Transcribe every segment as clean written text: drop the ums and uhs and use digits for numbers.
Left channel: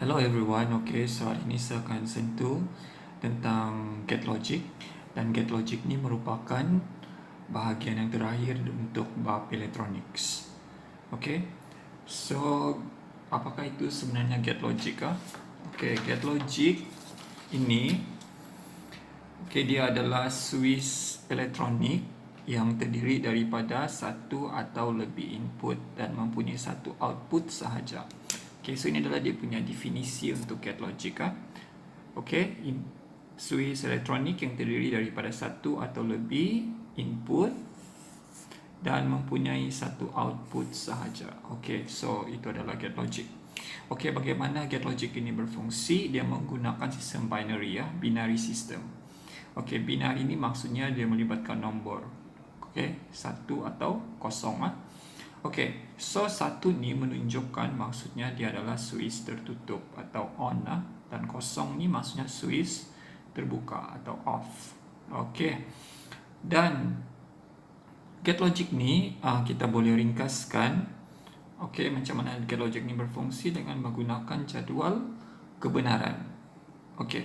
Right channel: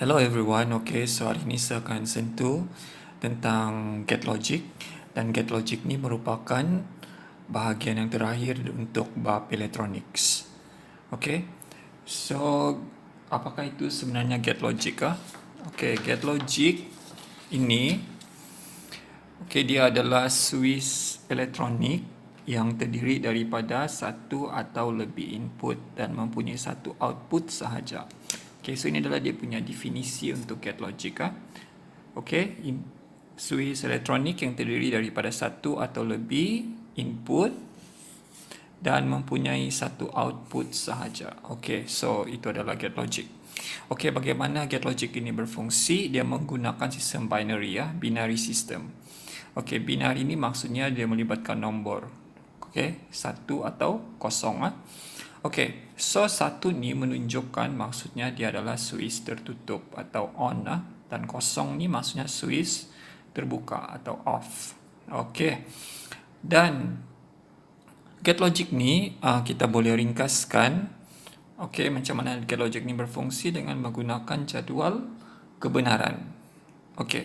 Hello everyone, okay, so hari ini saya akan sentuh tentang GetLogic dan GetLogic ni merupakan bahagian yang terakhir untuk bab electronics. Okay, so apakah itu sebenarnya GetLogic? Okay, GetLogic ini dia adalah Swiss elektronik yang terdiri daripada satu atau lebih input dan mempunyai satu output sahaja. Okay, so ini adalah dia punya definisi untuk GetLogic. Okay, Swiss elektronik yang terdiri daripada satu atau lebih input dan mempunyai satu output sahaja. Okay, so itu adalah GetLogic. Okay, bagaimana GetLogic ini berfungsi? Dia menggunakan sistem binary, binary system. Okay, binary ini maksudnya dia melibatkan nombor. Okay, satu atau kosong. Okay, so satu ni menunjukkan maksudnya dia adalah Swiss tertutup atau on, dan kosong ni maksudnya Swiss terbuka atau off. Okay, dan GetLogic ni kita boleh ringkaskan. Okay, macam mana GetLogic ni berfungsi dengan menggunakan jadual kebenaran. Okay,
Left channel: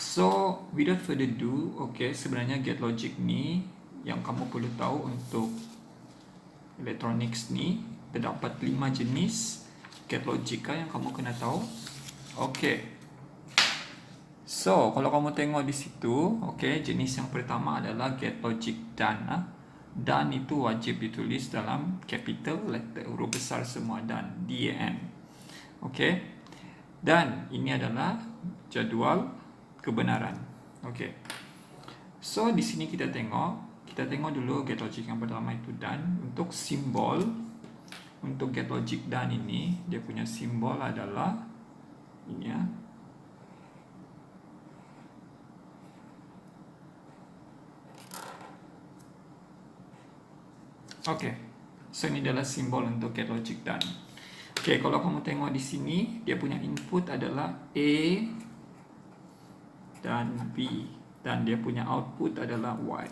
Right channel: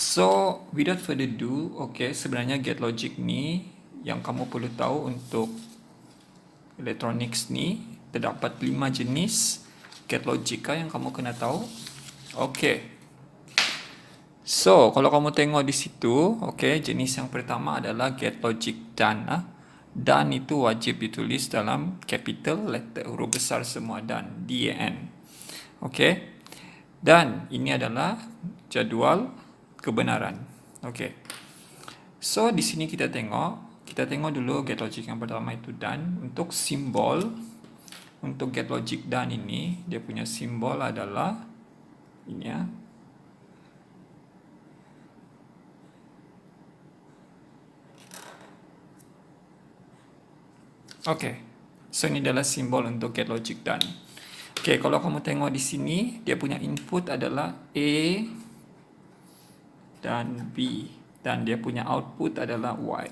so without further ado, okay, sebenarnya GetLogic ni yang kamu perlu tahu untuk electronics ni terdapat 5 jenis GetLogic yang kamu kena tahu. Okay, so kalau kamu tengok di situ, okay, jenis yang pertama adalah GetLogic done. Done itu wajib ditulis dalam capital letter, huruf besar semua, dan DAN. Okay, dan ini adalah jadual kebenaran. Okay, so di sini kita tengok dulu GetLogic yang pertama itu done. Untuk simbol untuk GetLogic done ini, dia punya simbol adalah ini ya. Okay, so ini adalah simbol untuk GetLogic done. Okay, kalau kamu tengok di sini, dia punya input adalah A dan B, dan dia punya output adalah Y.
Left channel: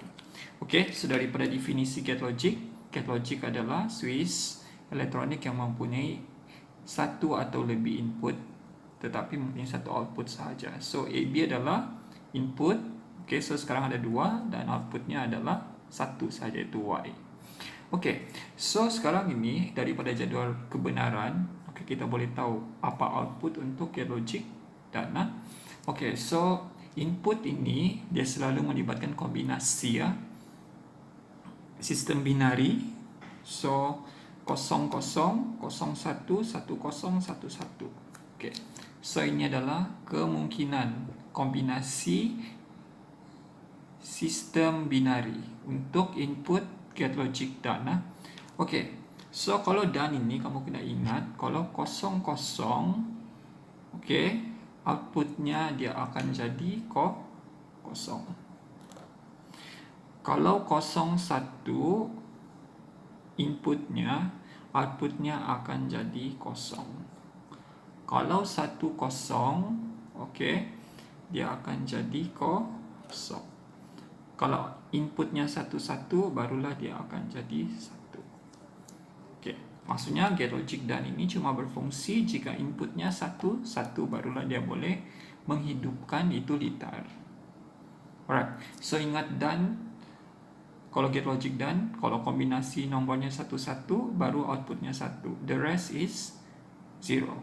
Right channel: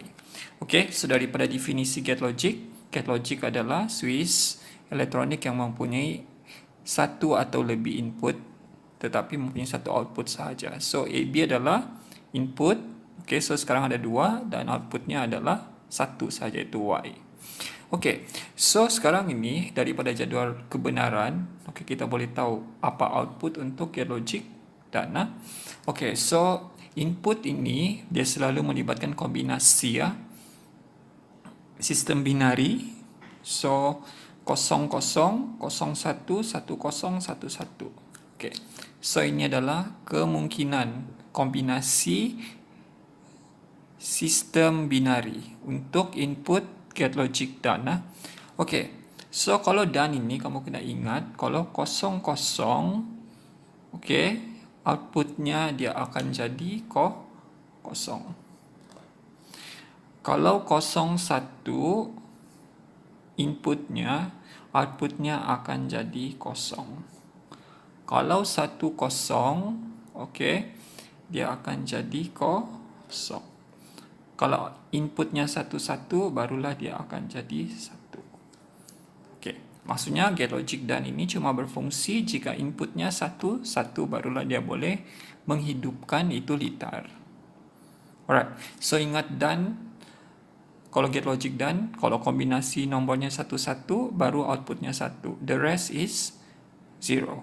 Okay, so daripada definisi GetLogic adalah Swiss elektronik yang mempunyai satu atau lebih input tetapi mempunyai satu output sahaja. So AB adalah input, okay, so sekarang ada dua dan outputnya adalah satu sahaja, itu Y. Okay, so sekarang ini daripada jadual kebenaran, okay, kita boleh tahu apa output untuk GetLogic done. Okay, so input ini dia selalu melibatkan kombinasi sistem binari. So 00, 01, 10, 11. Okay, so ini adalah kemungkinan kombinasi sistem binari untuk input GetLogic done. Okay, so kalau done ini kamu kena ingat, kalau 00, okay, outputnya dia akan jadi kosong. Kalau 01, inputnya, outputnya akan jadi kosong. Kalau 10, okay, dia akan jadi kosong. Kalau inputnya 11, barulah dia akan jadi 1. Okay, maksudnya GetLogic done ini cuma berfungsi jika inputnya 1, barulah dia boleh menghidupkan itu litar. Alright, so ingat done, kalau GetLogic done, kalau kombinasi nombornya 11, baru outputnya 1. The rest is 0.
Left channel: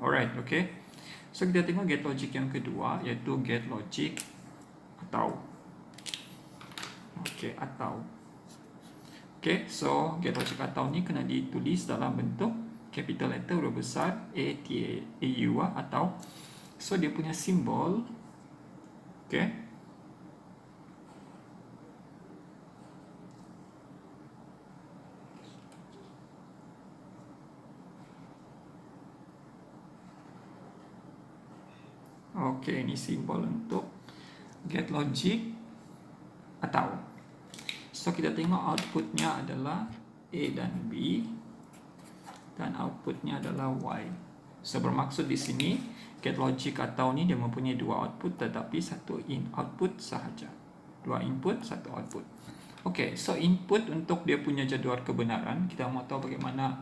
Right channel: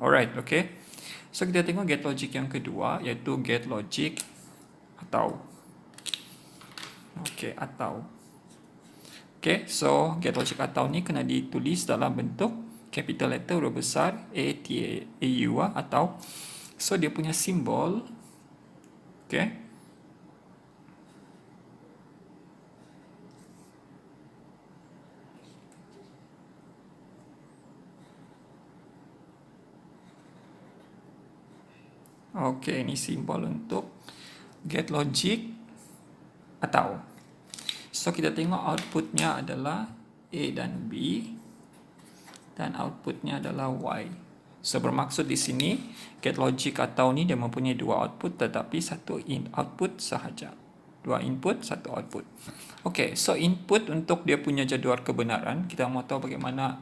Alright, okay. So kita tengok GetLogic yang kedua, iaitu GetLogic atau. Okay, atau. Okay, so GetLogic atau ni kena ditulis dalam bentuk capital letter, huruf besar ATAU atau. So dia punya simbol, okay, okay, ini simbol untuk GetLogic atau. So kita tengok outputnya adalah A dan B dan outputnya adalah Y. So bermaksud di sini GetLogic atau ni dia mempunyai dua output tetapi satu output sahaja. Dua input, satu output. Okay, so input untuk dia punya jadual kebenaran, kita mau tahu bagaimana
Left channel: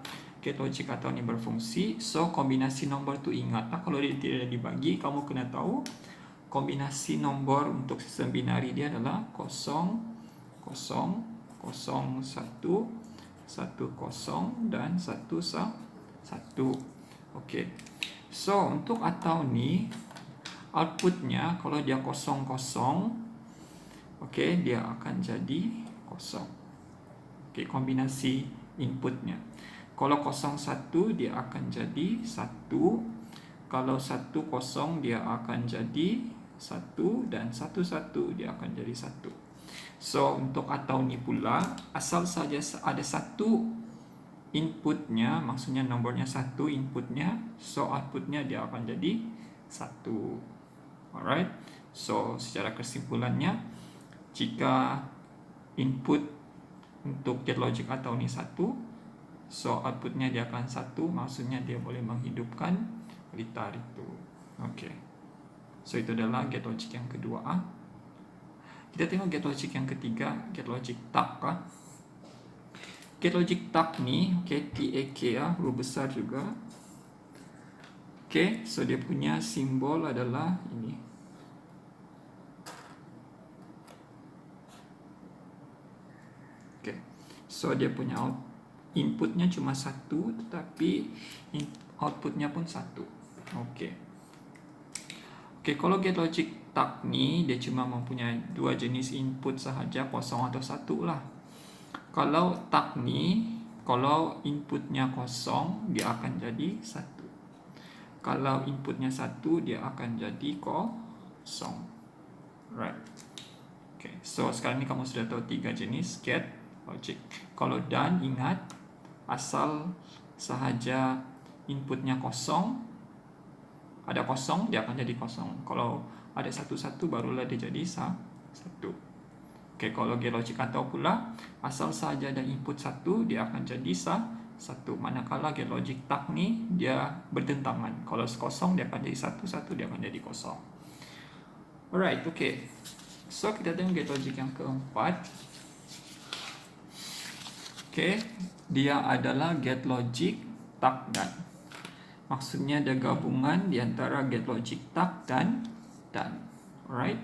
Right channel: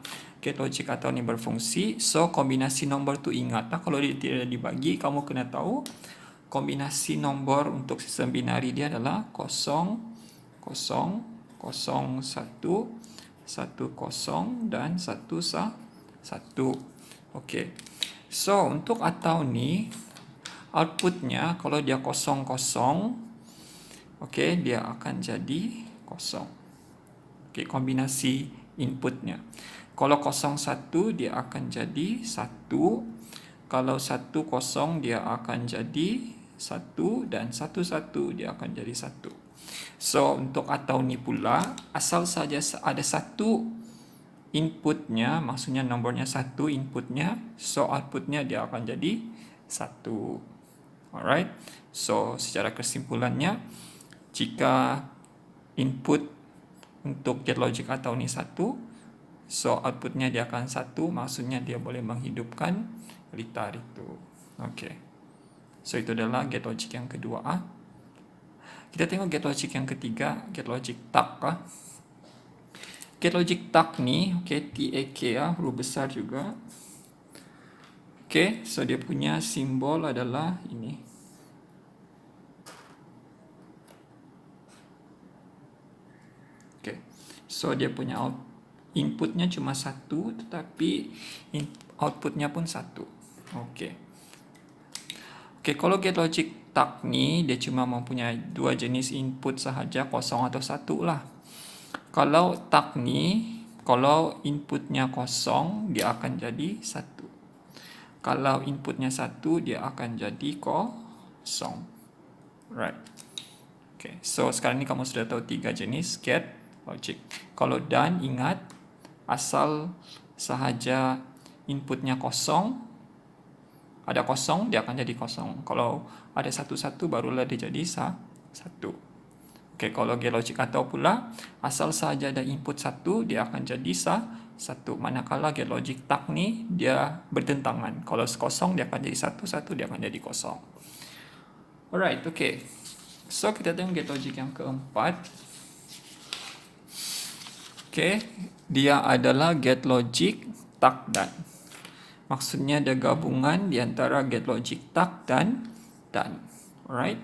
gate logic atau ni berfungsi. So kombinasi nombor tu ingatlah, kalau dia tidak dibagi, kamu kena tahu kombinasi nombor untuk sistem binari dia adalah 0, 0, 0, 1, 1, 0 dan 1, 1. Okey. So untuk atau ni outputnya kalau dia 0, 0, okey, dia akan jadi 0. Okey, kombinasi inputnya. Kalau 0, 1 dia akan jadi 1. Kalau 1, 0 dia akan jadi 1 dan 1, 1 dia akan jadi 1. So untuk atau ni pula, asal saja ada satu inputnya, maksudnya nombornya 1 inputnya, so outputnya dia akan jadi 1. Alright. So secara kesimpulannya, jika input untuk gate logic atau ni 1, so outputnya dia akan 1, maksudnya dia boleh menghidupkan litar itu. Okey. So itu adalah gate logic yang kedua. Kita tengok gate logic yang ketiga, gate logic tak. Gate logic tak ni, okay, TAK, huruf besar juga. Okay, so dia punya simbol adalah ini. Okay, so dia punya inputnya cuma 1, tetapi outputnya pun 1. Okay. Okay, kalau gate logic tak ni, dia cuma mempunyai dua jenis input sahaja, 0 atau 1 lah. Kalau tak ni, kalau inputnya 0, dia akan jadi 1. Kalau inputnya 1, dia akan jadi 0. Right. Okay, so sekarang ni kamu sudah tahu 3 jenis gate logic. Kalau dan, ingat, asal sahaja inputnya 0, ada 0, dia akan jadi 0. Kalau ada 1, 1, barulah dia jadi 1. Okey, kalau gate logic atau pula, asal sahaja ada input 1, dia akan jadi 1. Manakala gate logic tak ni, dia bertentangan. Kalau 0, dia akan jadi 1, 1, dia akan jadi 0. Alright, okey. So, kita tengok gate logic yang keempat. Okey, dia adalah gate logic tak dan. Maksudnya ada gabungan di antara gate logic tak dan dan. Alright.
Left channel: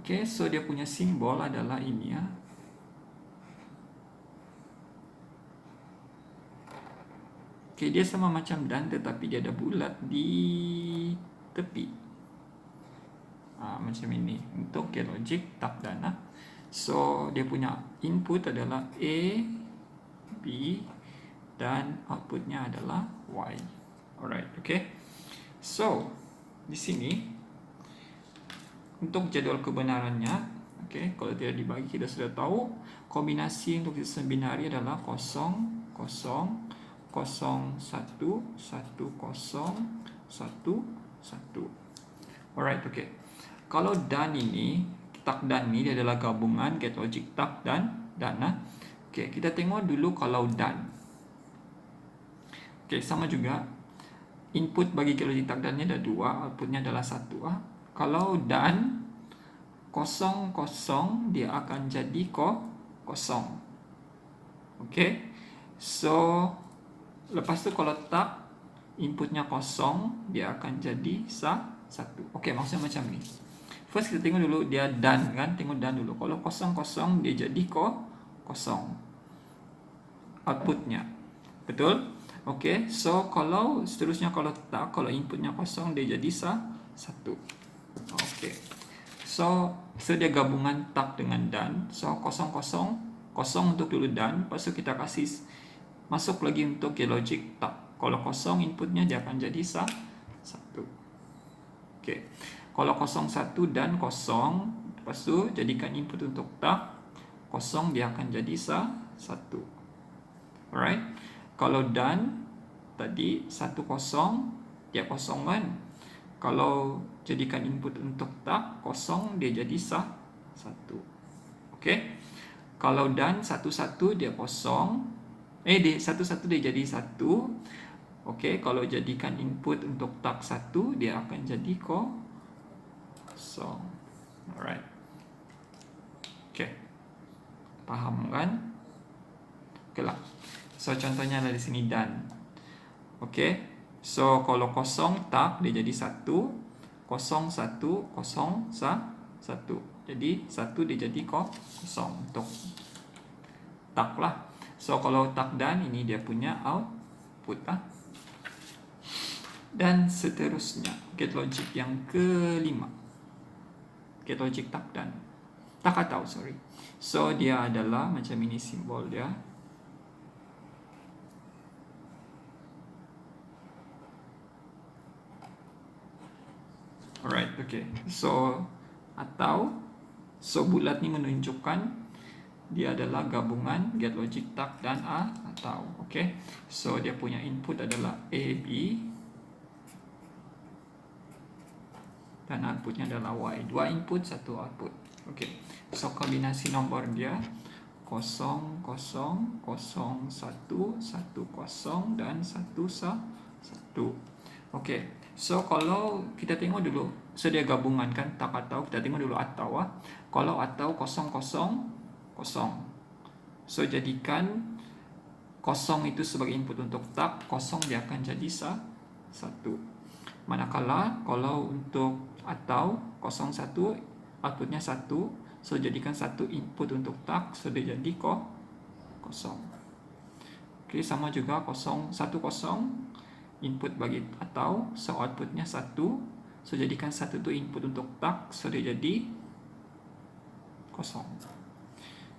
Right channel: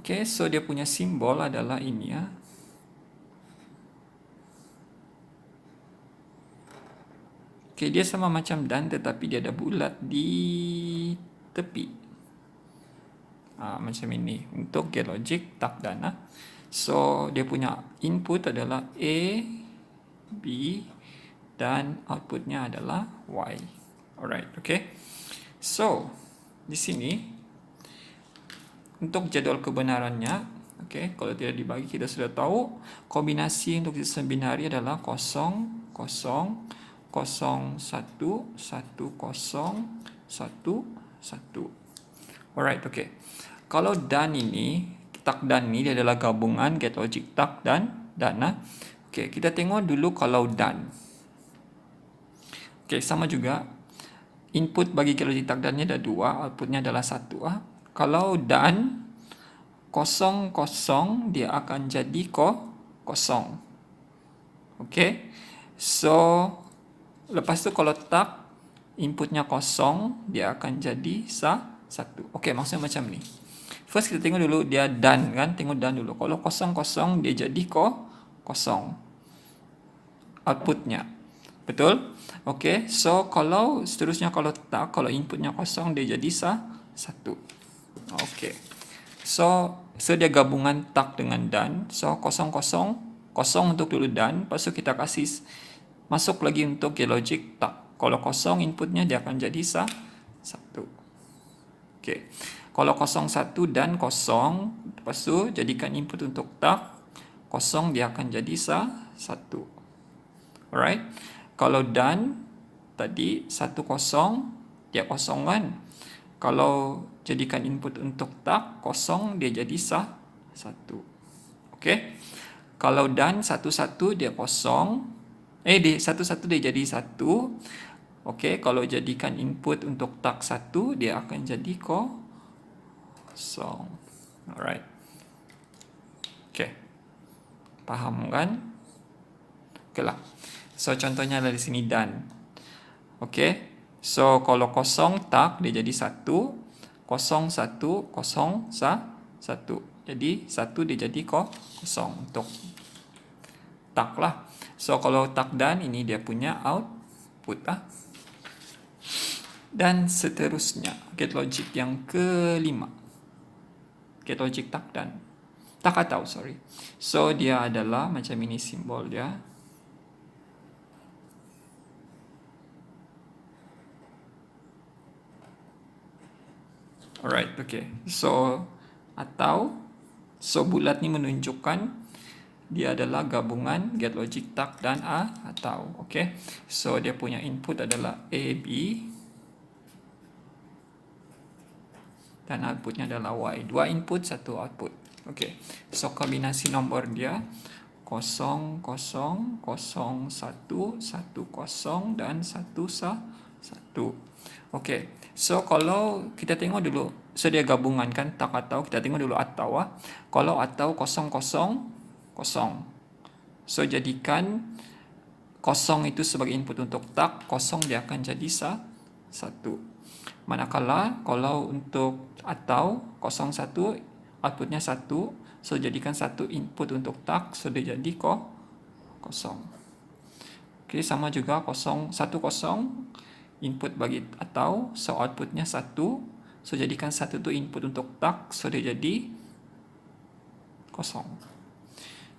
Okay, so dia punya simbol adalah ini ya. Okay, dia sama macam dan, tetapi dia ada bulat di tepi. Macam ini untuk gate logic tak dan. So dia punya input adalah A, B dan outputnya adalah Y. Alright, okay. So di sini untuk jadual kebenarannya, okay, kalau tidak dibagi kita sudah tahu kombinasi untuk sistem binari adalah 0, 0, 0, 1, 1, 1, 1. Alright, okay. Kalau dan ini, tak dan ini dia adalah gabungan gate logic tak dan dan. Okay, kita tengok dulu kalau dan. Okay, sama juga. Input bagi gate logic tak dan ni ada 2, outputnya adalah 1. Kalau dan 0, 0, dia akan jadi 0. Okay. So lepas tu kalau tak, inputnya 0, dia akan jadi 1. Okay, maksudnya macam ni. First kita tengok dulu dia dan kan, tengok dan dulu. Kalau 0, 0, dia jadi 0. Outputnya. Betul? Okay, so kalau seterusnya kalau tak, kalau inputnya 0, dia jadi 1. Okay. So dia gabungan tak dengan dan. So 0, 0, 0 untuk dulu dan. Lepas tu kita kasih masuk lagi untuk gate logic tak. Kalau 0 inputnya dia akan jadi 1. Okay. Kalau 0, 1 dan 0, lepas tu jadikan input untuk tak. 0 dia akan jadi 1. Alright. Kalau dan tadi 1, 0, dia kosongan. Kalau jadikan input untuk tak, 0, dia jadi 1. Okay. Kalau dan 1, 1, dia 0. 1, 1, dia jadi 1. Okay. Kalau jadikan input untuk tak 1, dia akan jadi 0. Alright. Okay. Faham kan? Okay lah. So contohnya adalah di sini dan. Okey. So kalau kosong tak dia jadi 1, kosong 1, kosong 1. Jadi 1 dia jadi kosong untuk tak lah. So kalau tak dan ini dia punya output lah. Dan seterusnya, gate logic yang kelima. Gate logic tak dan. Tak atau, sorry. So dia adalah macam ini simbol dia. Alright, okay. So atau, so bulat ni menunjukkan dia adalah gabungan gate logic tak dan atau. Okay. So dia punya input adalah A, B. Dan outputnya adalah Y. 2 input, 1 output. Okay. So kombinasi nombor dia 0, 0, 0, 1, 1, 0 dan 1, 1. Okay. So kalau kita tengok dulu, so dia gabungan kan tak atau, kita tengok dulu atau lah. Kalau atau 0, 0, 0. So jadikan 0 itu sebagai input untuk tak, 0 dia akan jadi 1. Manakala kalau untuk atau 0, 1 outputnya 1, so jadikan 1 input untuk tak, so dia jadi 0. Okay, sama juga 0, 1, 0 input bagi atau, so outputnya 1, so jadikan 1 tu input untuk tak, so dia jadi 0.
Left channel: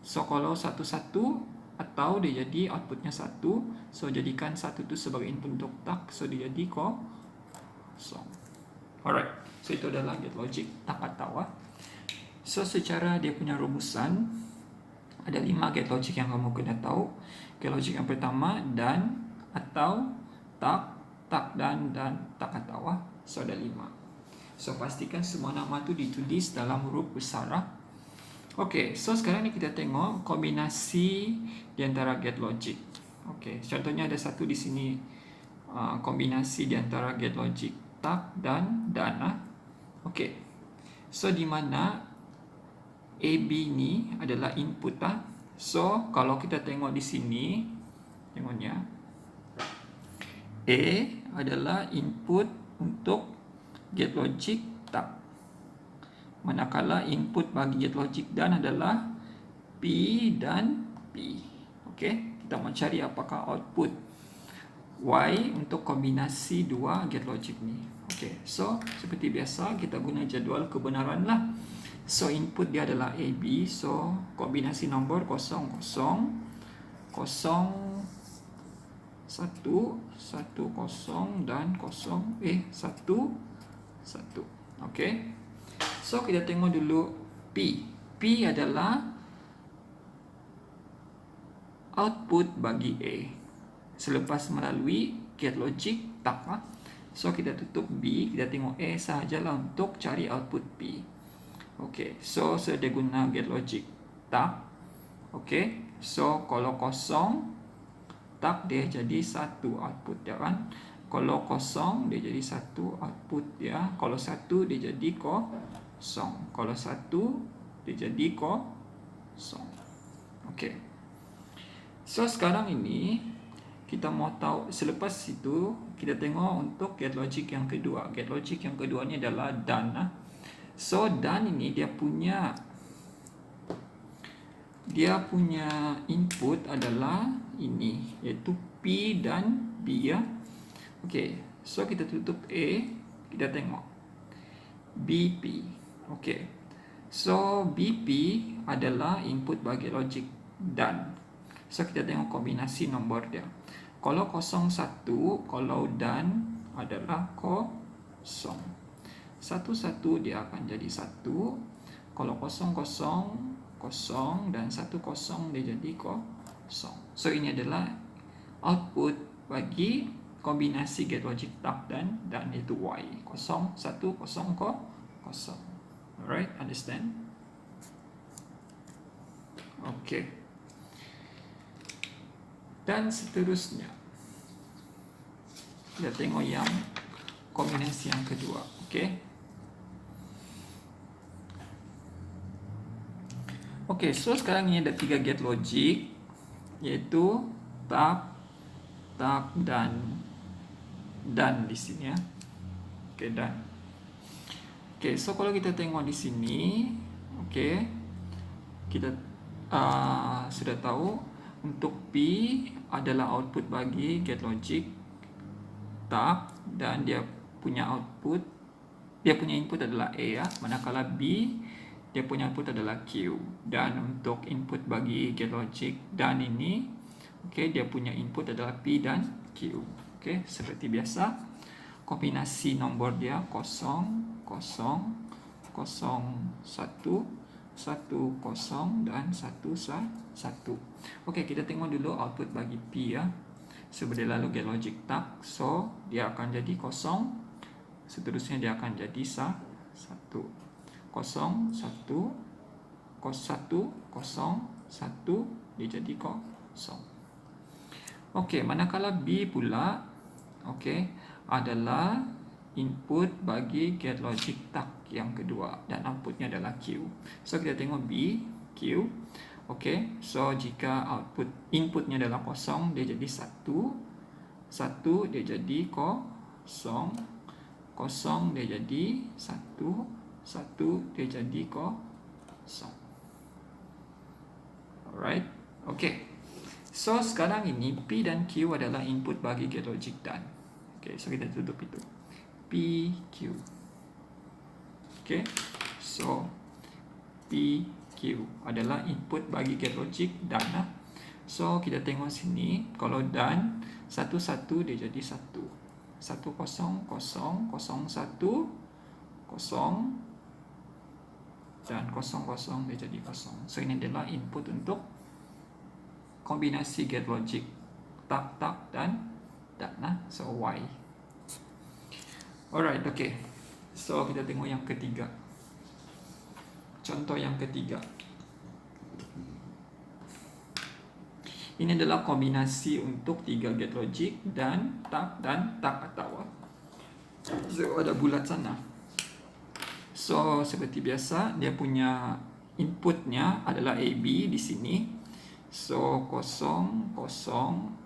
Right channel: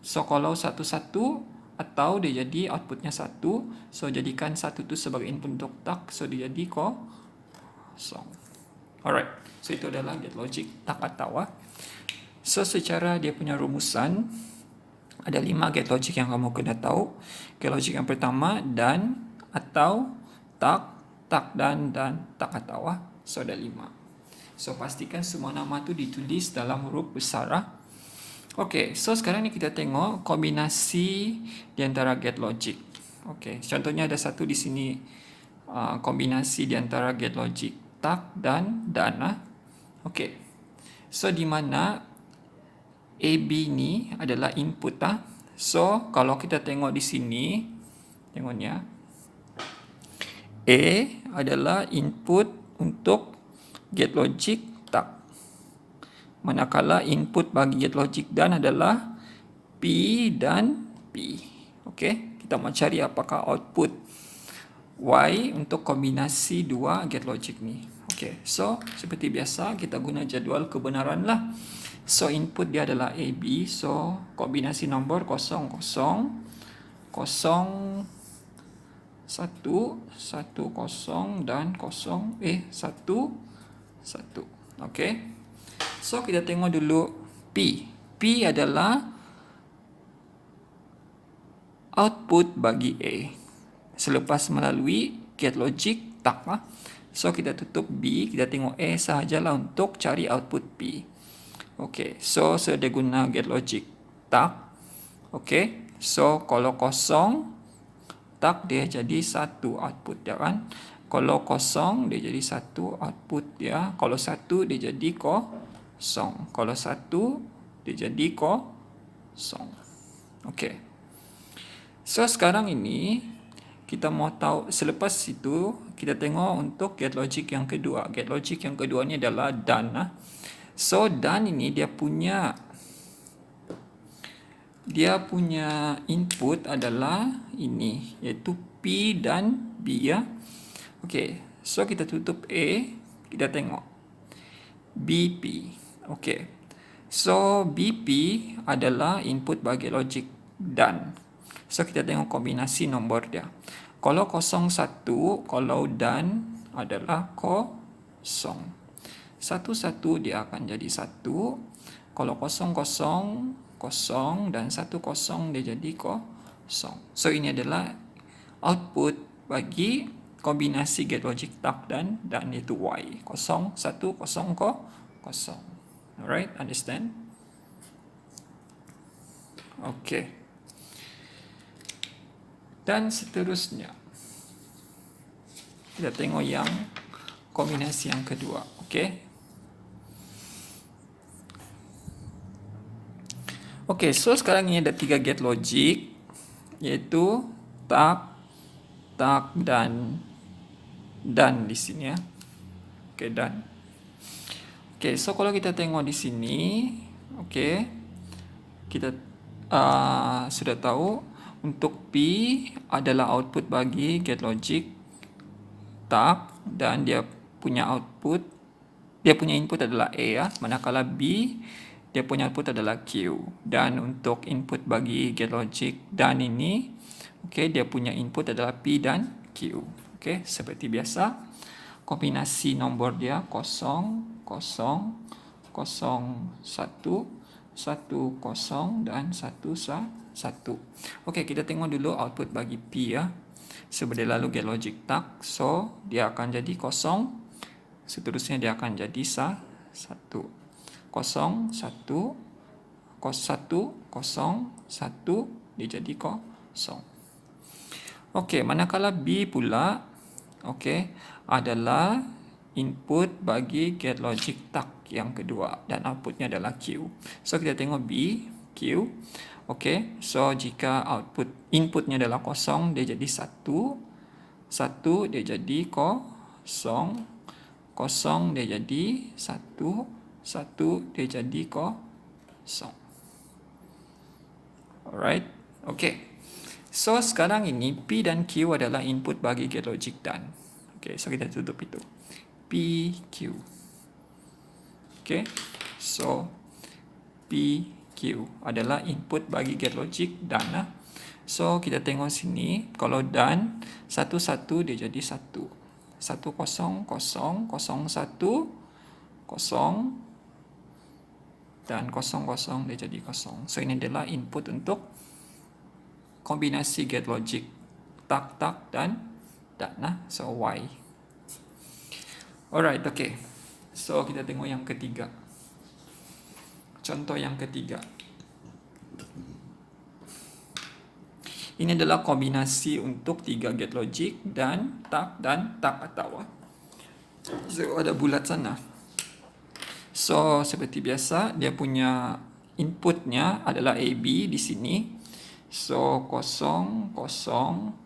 So kalau 1, 1 atau dia jadi outputnya 1, so jadikan 1 tu sebagai input untuk tak, so dia jadi 0. Alright, so itu adalah gate logic tak atau. So secara dia punya rumusan, ada 5 gate logic yang kamu kena tahu. Gate logic yang pertama dan, atau, tak, tak dan tak atau. So ada 5. So pastikan semua nama tu ditulis dalam huruf besar. Okay, so sekarang ni kita tengok kombinasi di antara gate logic. Okay, contohnya ada satu di sini, kombinasi di antara gate logic tak dan. Okay, so di mana AB ni adalah input. So kalau kita tengok di sini, tengoknya A adalah input untuk gate logic tak, manakala input bagi gate logic dan adalah P dan P. Okey, kita mau cari apakah output Y untuk kombinasi dua gate logic ni. Okey, so seperti biasa kita guna jadual kebenaran lah. So input dia adalah AB, so kombinasi nombor 0, 0, 0, 1, 1, 0 dan 1, 1. Okey. So kita tengok dulu P. P adalah output bagi A selepas melalui gate logic tak. So kita tutup B, kita tengok A sahajalah untuk cari output P. Okey, so saya guna gate logic tak. Okey, so kalau 0 tak dia jadi 1 output dia kan. Kalau 0 dia jadi 1 output dia. Kalau 1 dia jadi 0. Kalau 1 dia jadi 0. Okey. So sekarang ini kita mau tahu, selepas itu kita tengok untuk gate logic yang kedua. Gate logic yang kedua ni adalah dan. So dan ini dia punya input adalah ini, iaitu P dan B ya. Okey, so kita tutup A, kita tengok BP. Okey, so BP adalah input bagi logic dan. So kita tengok kombinasi nombor dia. Kalau 0, 1, kalau dan adalah 0. 1, 1 dia akan jadi 1. Kalau 0, 0, 0 dan 1, 0 dia jadi 0. So ini adalah output bagi kombinasi gate logic tak dan itu Y. 0, 1, 0, 0. Alright, understand? Okay. Dan seterusnya kita tengok yang kombinasi yang kedua. Okay. Okay, so sekarang ini ada 3 gate logic, iaitu tak, tak dan done di sini ya. Oke, done. Oke, so kalau kita tengok di sini, oke, kita sudah tahu untuk P adalah output bagi GetLogic tak, dan dia punya input adalah A ya, manakala B dia punya output adalah Q. Dan untuk input bagi GetLogic dan ini, oke, dia punya input adalah P dan Q. Oke, seperti biasa, kombinasi nombor dia 0, 0, 0, 1, 1, 0 dan 1, 1. Oke, kita tengok dulu output bagi P ya. Seperti lalu GetLogic tak, so dia akan jadi 0, seterusnya dia akan jadi 1, 0, 1, 0, 1, 1, dia jadi 0. Oke, manakala B pula, oke, adalah input bagi GetLogic tak yang kedua dan outputnya adalah Q. So kita tengok B, Q. Oke, so jika inputnya adalah 0, dia jadi 1, 1 dia jadi 0, 0 dia jadi 1, 1 dia jadi 0. Alright, okay. So sekarang ini P dan Q adalah input bagi GetLogic done. Okay, so kita tutup itu. P, Q. Okay, so P, Q adalah input bagi GetLogic done. So kita tengok sini, kalau done 1, 1 dia jadi 1, 1, 0, 0, 0, 1, 0 dan 0, 0 dia jadi 0. So ini adalah input untuk kombinasi GetLogic tak dan done. So Y. Alright, okay. So kita tengok yang ketiga. Contoh yang ketiga. Ini adalah kombinasi untuk 3 GetLogic dan tak atau. So ada bulat sana. So seperti biasa, dia punya inputnya adalah AB di sini. So 0, 0, 0, 1,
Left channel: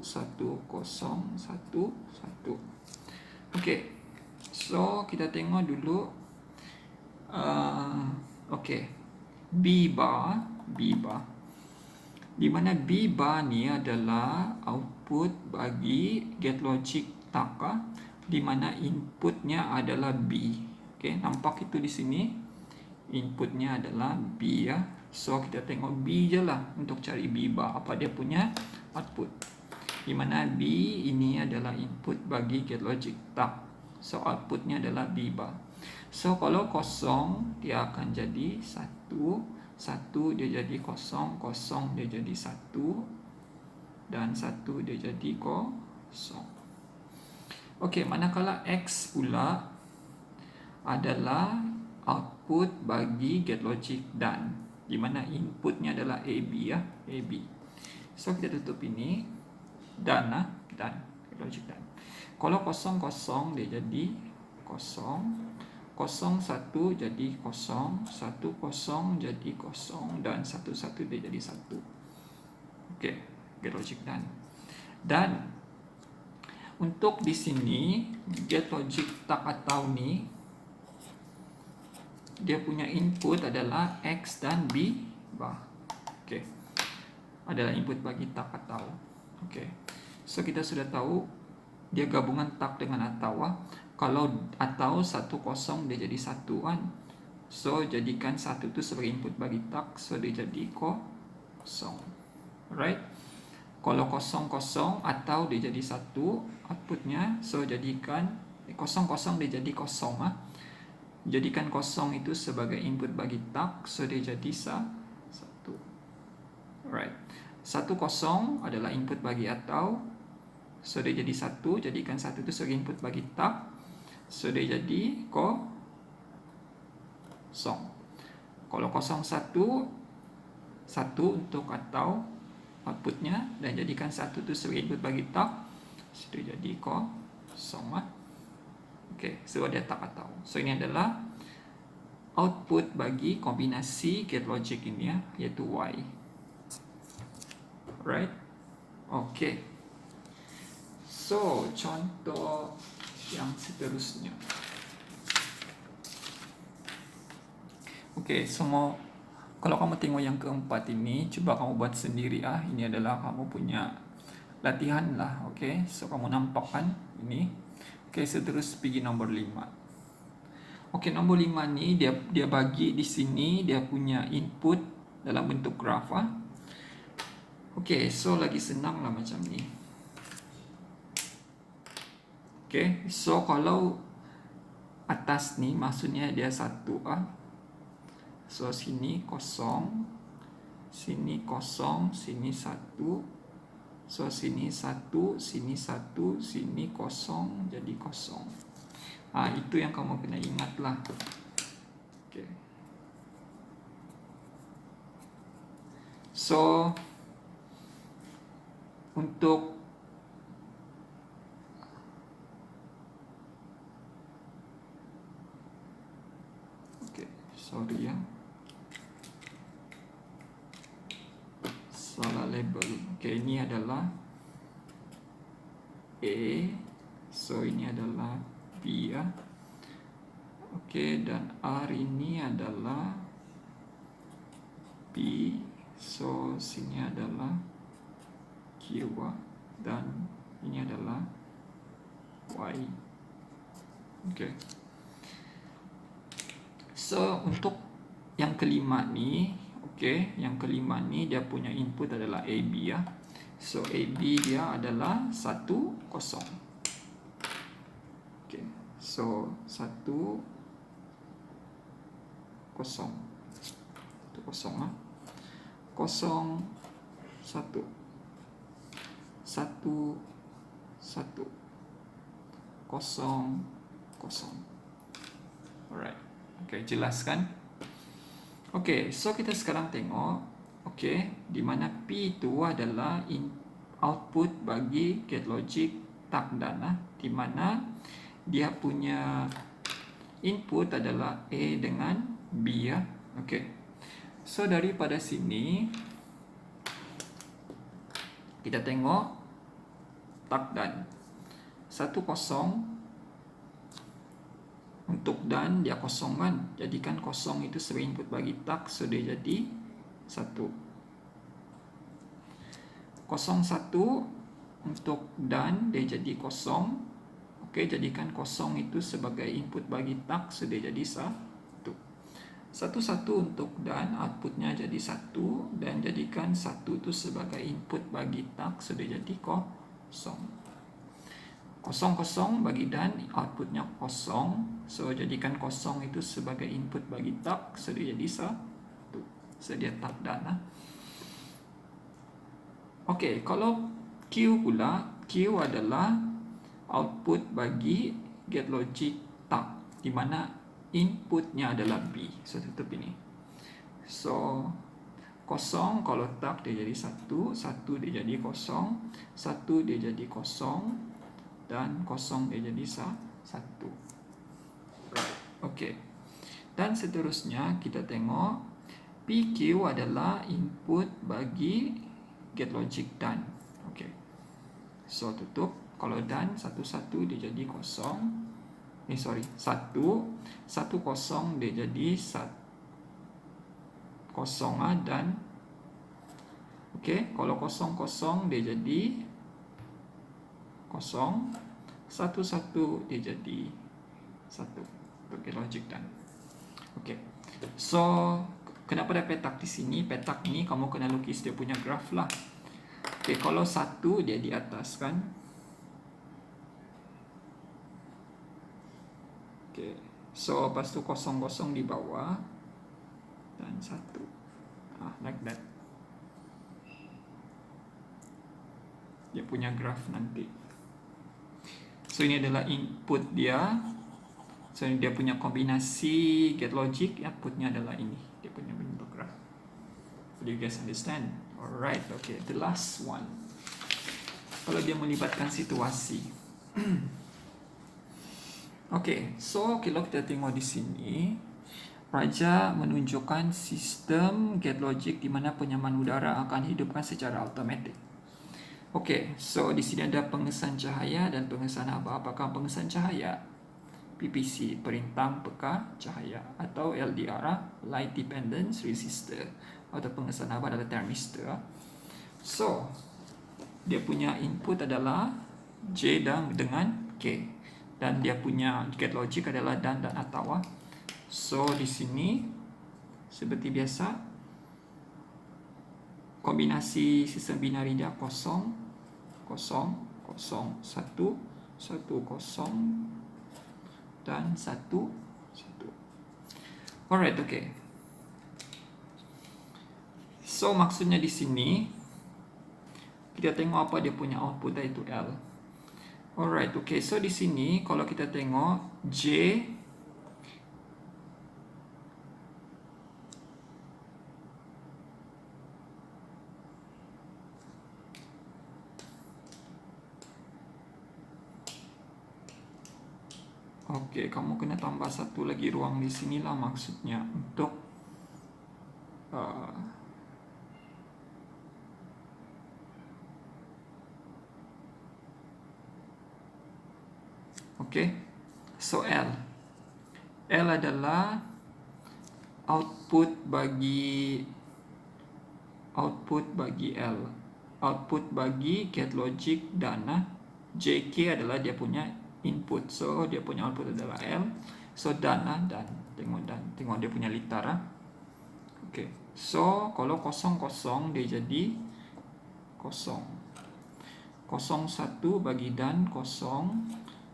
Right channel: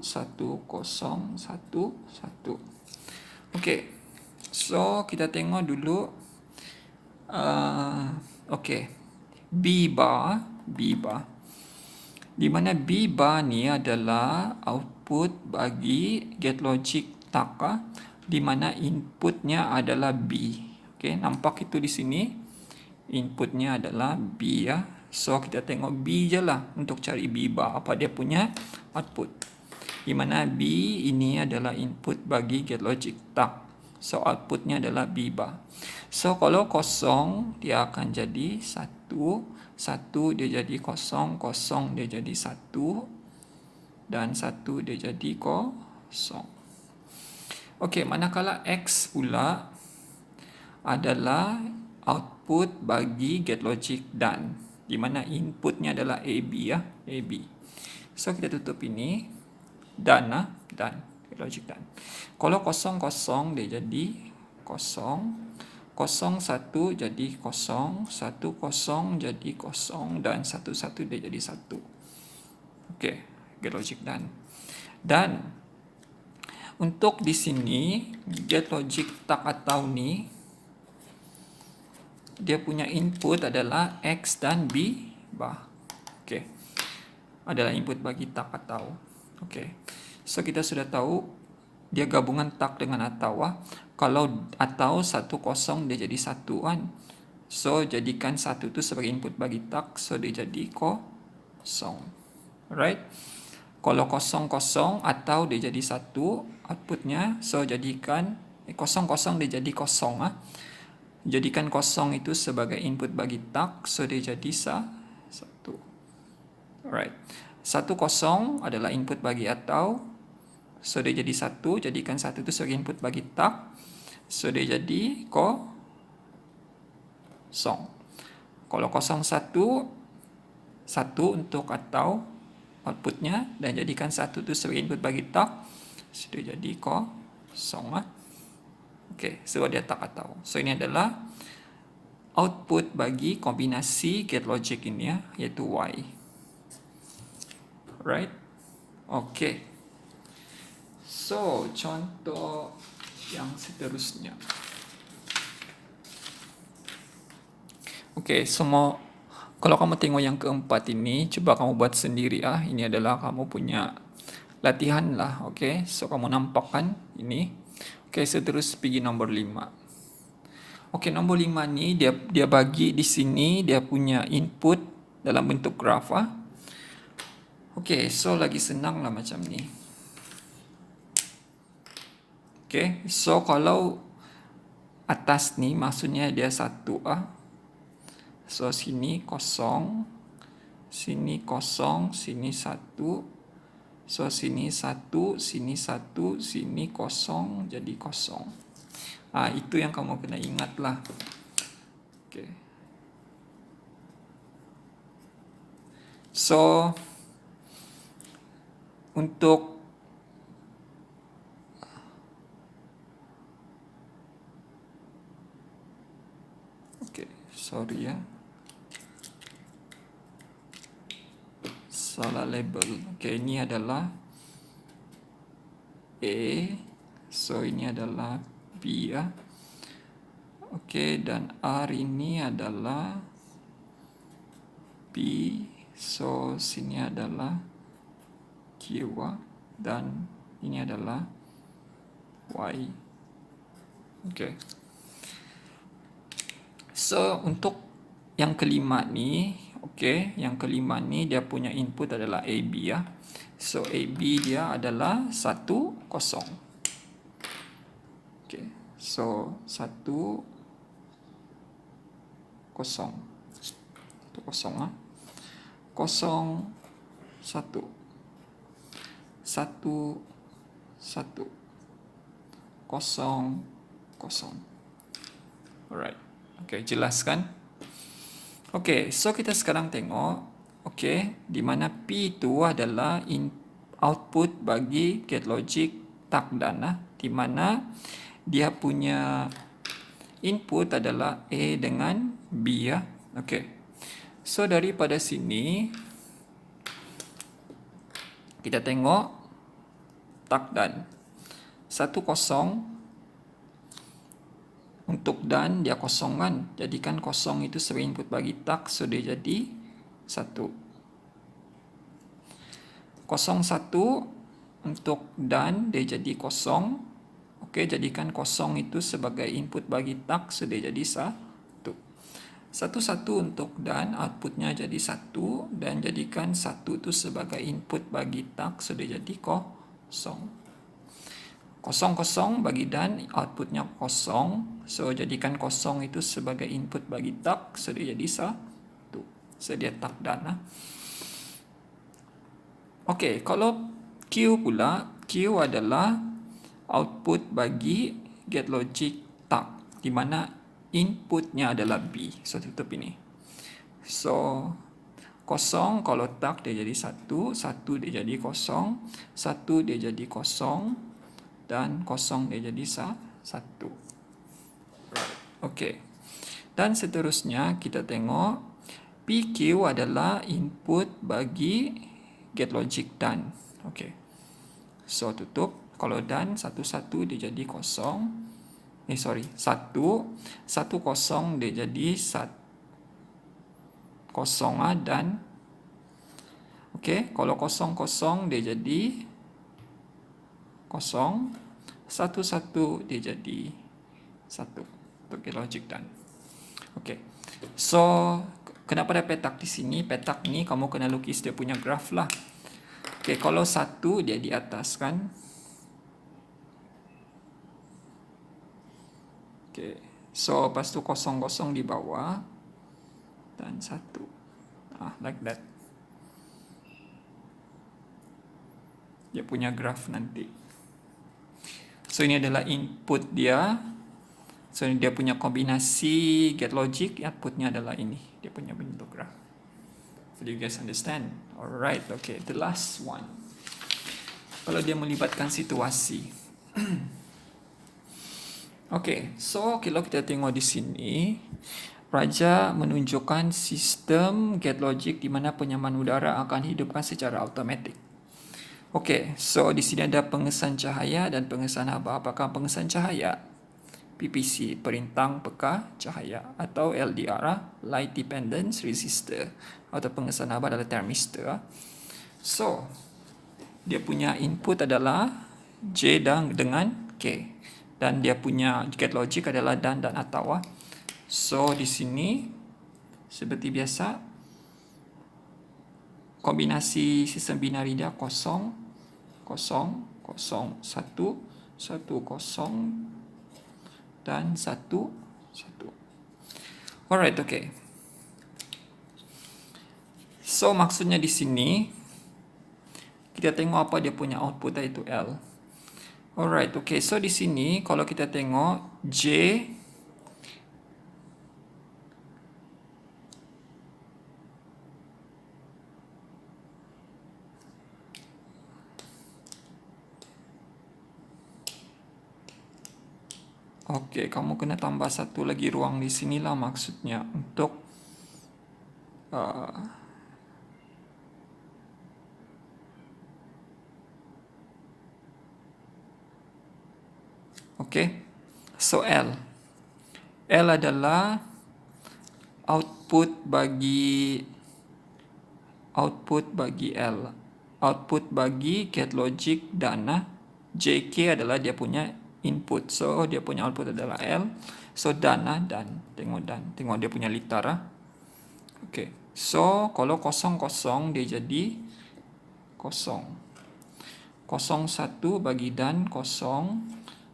1, 0, 1, 1. Okay, so kita tengok dulu. Okay, B bar, di mana B bar ni adalah output bagi GetLogic tak, di mana inputnya adalah B. Okay, nampak itu di sini. Inputnya adalah B ya. So kita tengok B je lah untuk cari B bar, apa dia punya output. Di mana B ini adalah input bagi GetLogic tak. So outputnya adalah B bar. So kalau 0 dia akan jadi 1, 1 dia jadi 0, 0 dia jadi 1 dan 1 dia jadi 0. Okey, manakala X pula adalah output bagi GetLogic done, di mana inputnya adalah AB ya, AB. So kita tutup ini, done lah, done, GetLogic done. Kalau 0, 0 dia jadi 0, 0, 1 jadi 0, 1, 0 jadi 0 dan 1, 1 dia jadi 1. Okey, GetLogic done. Dan untuk di sini GetLogic tak atau ni dia punya input adalah X dan B bar. Okey, adalah input bagi tak atau. Okey, so kita sudah tahu dia gabungan tak dengan atau. Kalau atau 1, 0 dia jadi 1 kan. So jadikan 1 tu sebagai input bagi tak, so dia jadi 0. Alright. Kalau 0, 0 atau dia jadi 1 outputnya, so jadikan 0, 0 dia jadi 0 Jadikan 0 itu sebagai input bagi tak, so dia jadi 1. Alright. 1, 0 adalah input bagi atau, so dia jadi 1. Jadikan 1 itu sebagai input bagi tak, so dia jadi 0. Kalau 0, 1, 1 untuk atau outputnya, dan jadikan 1 itu sebagai input bagi tak, so dia jadi 0. Okey, so dia tak atau. So ini adalah output bagi kombinasi GetLogic ini ya, iaitu Y. Right? Okey. So, contoh yang seterusnya. Okay, semua. Kalau kamu tengok yang keempat ini, cuba kamu buat sendiri ah. Ini adalah kamu punya latihan lah. Okay, so kamu nampak kan ini. Okay, terus pergi nombor 5. Okay, nombor 5 ni dia bagi di sini dia punya input dalam bentuk graf ah. Okay, so lagi senang lah macam ni. Okay, so kalau atas ni maksudnya dia 1 ah. So sini kosong, sini kosong, sini 1. So sini 1, sini 1, sini kosong, jadi kosong. Itu yang kamu kena ingat lah. Okay. So untuk sorry ya, salah label. Okay, ini adalah A, so ini adalah B ya. Okay, dan R ini adalah B, so sini adalah Q dan ini adalah Y. Okay. So untuk yang kelima ni, okay, yang kelima ni dia punya input adalah AB ya. So AB dia adalah 1, 0. Okay, so 1, 0. 1, 0 ah. 0, 1. 1, 1. 0, 0. Alright. Okay, jelas kan? Okay, so kita sekarang tengok, okay, di mana P itu adalah output bagi gate logic takdan lah, di mana dia punya input adalah A dengan B ya. Okay, so daripada sini kita tengok takdan 1, 0. Untuk dan dia kosong kan, jadikan kosong itu sebagai input bagi tak, so dia jadi 1. 0, 1 untuk dan dia jadi kosong. Okey, jadikan kosong itu sebagai input bagi tak, so dia jadi 1. 1, 1 untuk dan outputnya jadi 1, dan jadikan 1 itu sebagai input bagi tak, so dia jadi kosong. 0, 0 bagi dan outputnya kosong, so jadikan kosong itu sebagai input bagi tak, so dia jadi 1. So dia tak dan lah. Okey, kalau Q pula, Q adalah output bagi gate logic tak, di mana inputnya adalah B. So tutup ini. So 0 kalau tak dia jadi 1, 1 dia jadi kosong, 1 dia jadi kosong, dan 0 dia jadi 1. Okey. Dan seterusnya kita tengok PQ adalah input bagi gate logic dan. Okey. So tutup. Kalau dan 1, 1 dia jadi 0. 1, 1, 0 dia jadi 1. 0 dan okey, kalau 0, 0 dia jadi 0, 1, 1 dia jadi 1 bagi logic dan. Okey. So kenapa ada petak di sini? Petak ni kamu kena lukis dia punya graf lah. Okey, kalau 1 dia di atas kan. Okey. So lepas tu 0, 0 di bawah dan 1. Like that. Dia punya graf nanti. So ini adalah input dia. So ini dia punya kombinasi gate logic, outputnya adalah ini. Dia punya bentuk graf. Do you guys understand? Alright, okay. The last one. Kalau dia melibatkan situasi. Okay, so kalau kita tengok di sini, Raja menunjukkan sistem gate logic di mana penyaman udara akan hidupkan secara automatik. Okey, so di sini ada pengesan cahaya dan pengesan haba. Apakah pengesan cahaya? PPC, perintang peka cahaya, atau LDR, light dependence resistor, atau pengesan haba adalah thermistor. So, dia punya input adalah J dan dengan K, dan dia punya gate logic adalah dan atau. So, di sini seperti biasa kombinasi sistem binari dia 0, 0, 0, 1, 1, 0 dan 1, 1. Alright, okay. So maksudnya di sini kita tengok apa dia punya output iaitu L. Alright, okay. So di sini kalau kita tengok J, okey, kamu kena tambah satu lagi ruang di sinilah maksudnya untuk okey. So L adalah output bagi L, output bagi gate logic dan JK adalah dia punya input. So dia punya output adalah L. So dan tengok dia punya litar. Okay. So kalau 0, 0 dia jadi 0. 0, 1 bagi dan 0.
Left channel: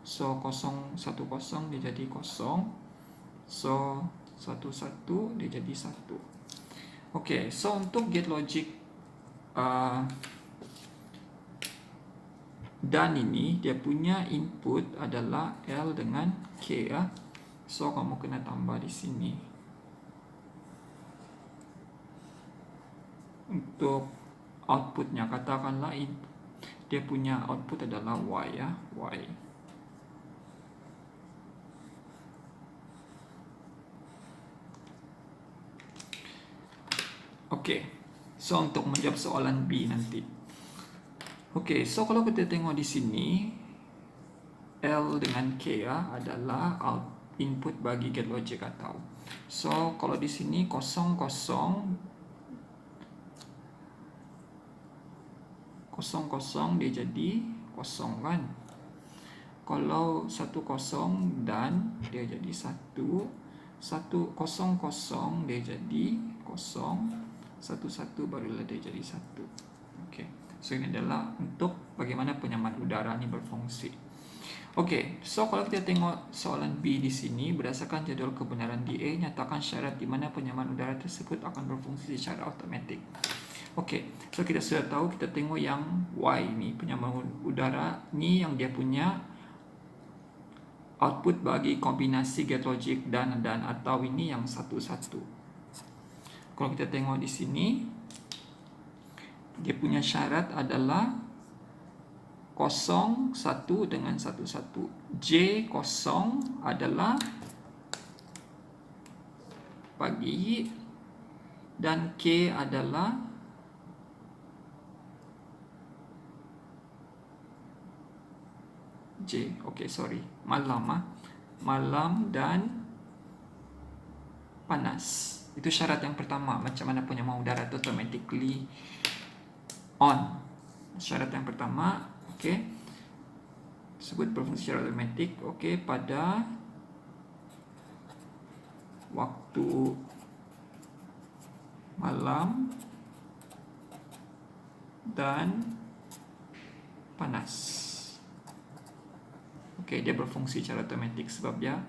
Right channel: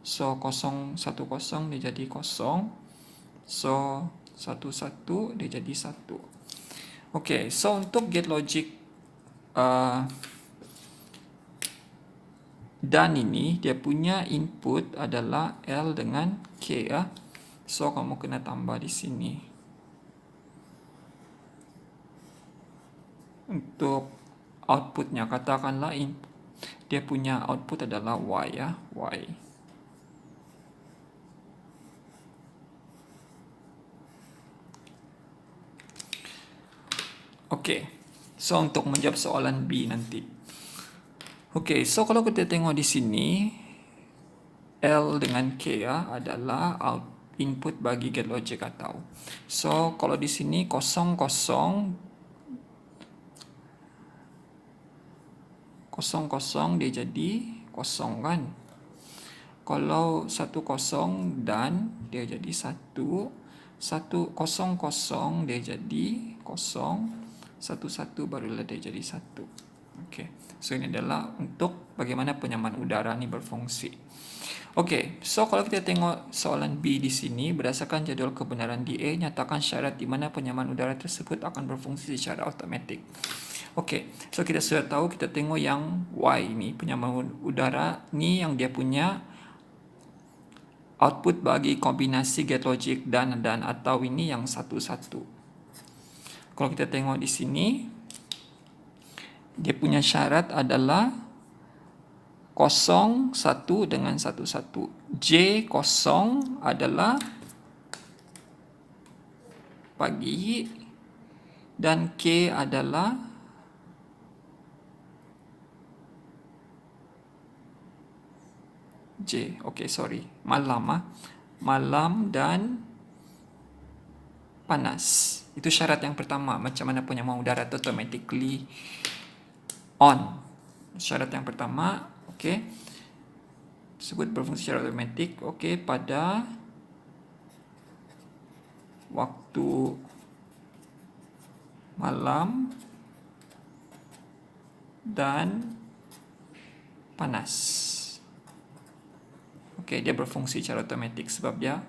So 0, 1, 0 dia jadi 0. So 1, 1 dia jadi 1. Okay, so untuk gate logic dan ini dia punya input adalah L dengan K ya. So kamu kena tambah di sini. Untuk outputnya katakanlah dia punya output adalah Y ya, Y. Okay, so untuk menjawab soalan B nanti. Okay, so kalau kita tengok di sini L dengan K ya adalah input bagi gate logic atau. So kalau di sini 0, 0, 0, dia jadi 0 kan. Kalau 1, 0 dan dia jadi 1, 1, 0, 0 dia jadi 0, 1, 1 barulah dia jadi 1. Okay. So ini adalah untuk bagaimana penyamaan udara ini berfungsi. Okay, so kalau kita tengok soalan B di sini, berdasarkan jadual kebenaran DA, nyatakan syarat di mana penyamaan udara tersebut akan berfungsi secara automatik. Okay, so kita sudah tahu, kita tengok yang Y ni, penyamaan udara ni yang dia punya output bagi kombinasi gate logic dan atau ini yang 1, 1. Kalau kita tengok di sini, dia punya syarat adalah 0, 1 dengan 1, 1. J 0 adalah pagi dan K adalah J. Okay, sorry. Malam. Malam dan panas. Itu syarat yang pertama. Macam mana penyamaan udara itu automatically on. Syarat yang pertama, okay, tersebut berfungsi secara automatik, okay, pada waktu malam dan panas. Okay, dia berfungsi secara automatik sebab dia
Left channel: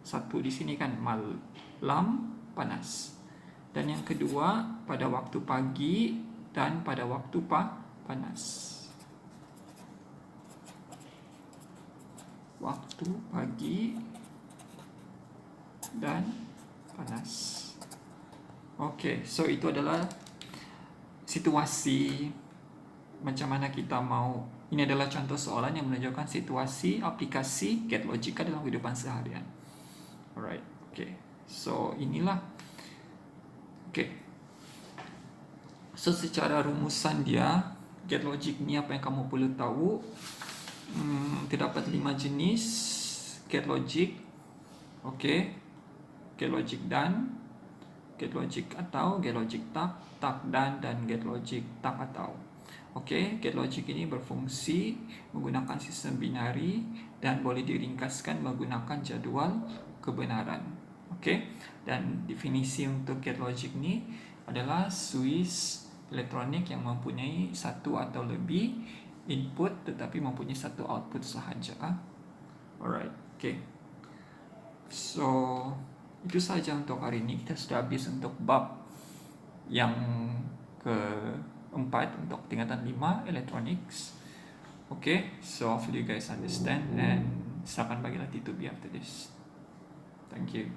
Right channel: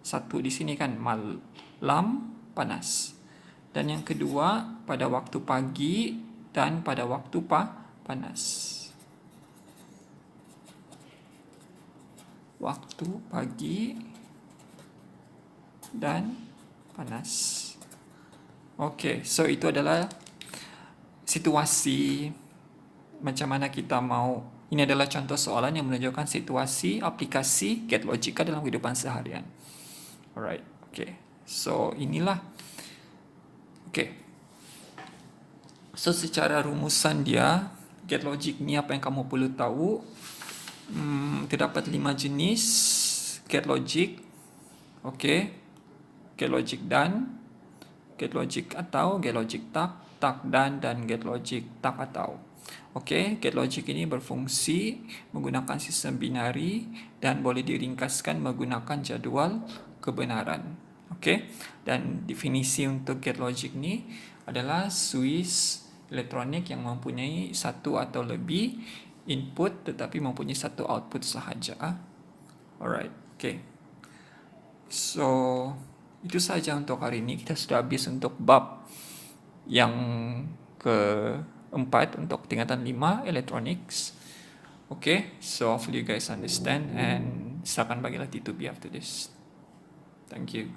satu di sini kan malam panas. Dan yang kedua pada waktu pagi dan pada waktu panas. Waktu pagi dan panas. Okay, so itu adalah situasi macam mana kita mau. Ini adalah contoh soalan yang menunjukkan situasi aplikasi gate logika dalam kehidupan seharian. Alright, okay. So inilah. Okay. So secara rumusan dia, gate logic ni apa yang kamu perlu tahu. Terdapat 5 jenis gate logic. Okey. Gate logic dan, gate logic atau, gate logic tak dan gate logic tak atau. Okey, gate logic ini berfungsi menggunakan sistem binari dan boleh diringkaskan menggunakan jadual kebenaran. Okey, dan definisi untuk gate logic ni adalah switch elektronik yang mempunyai satu atau lebih input tetapi mempunyai satu output sahaja. Alright, okey. So, itu sahaja untuk hari ini. Kita sudah habis untuk bab yang keempat untuk tingkatan 5 electronics. Okay, so hopefully you guys understand, and silakan bagi latitude after this. Thank you.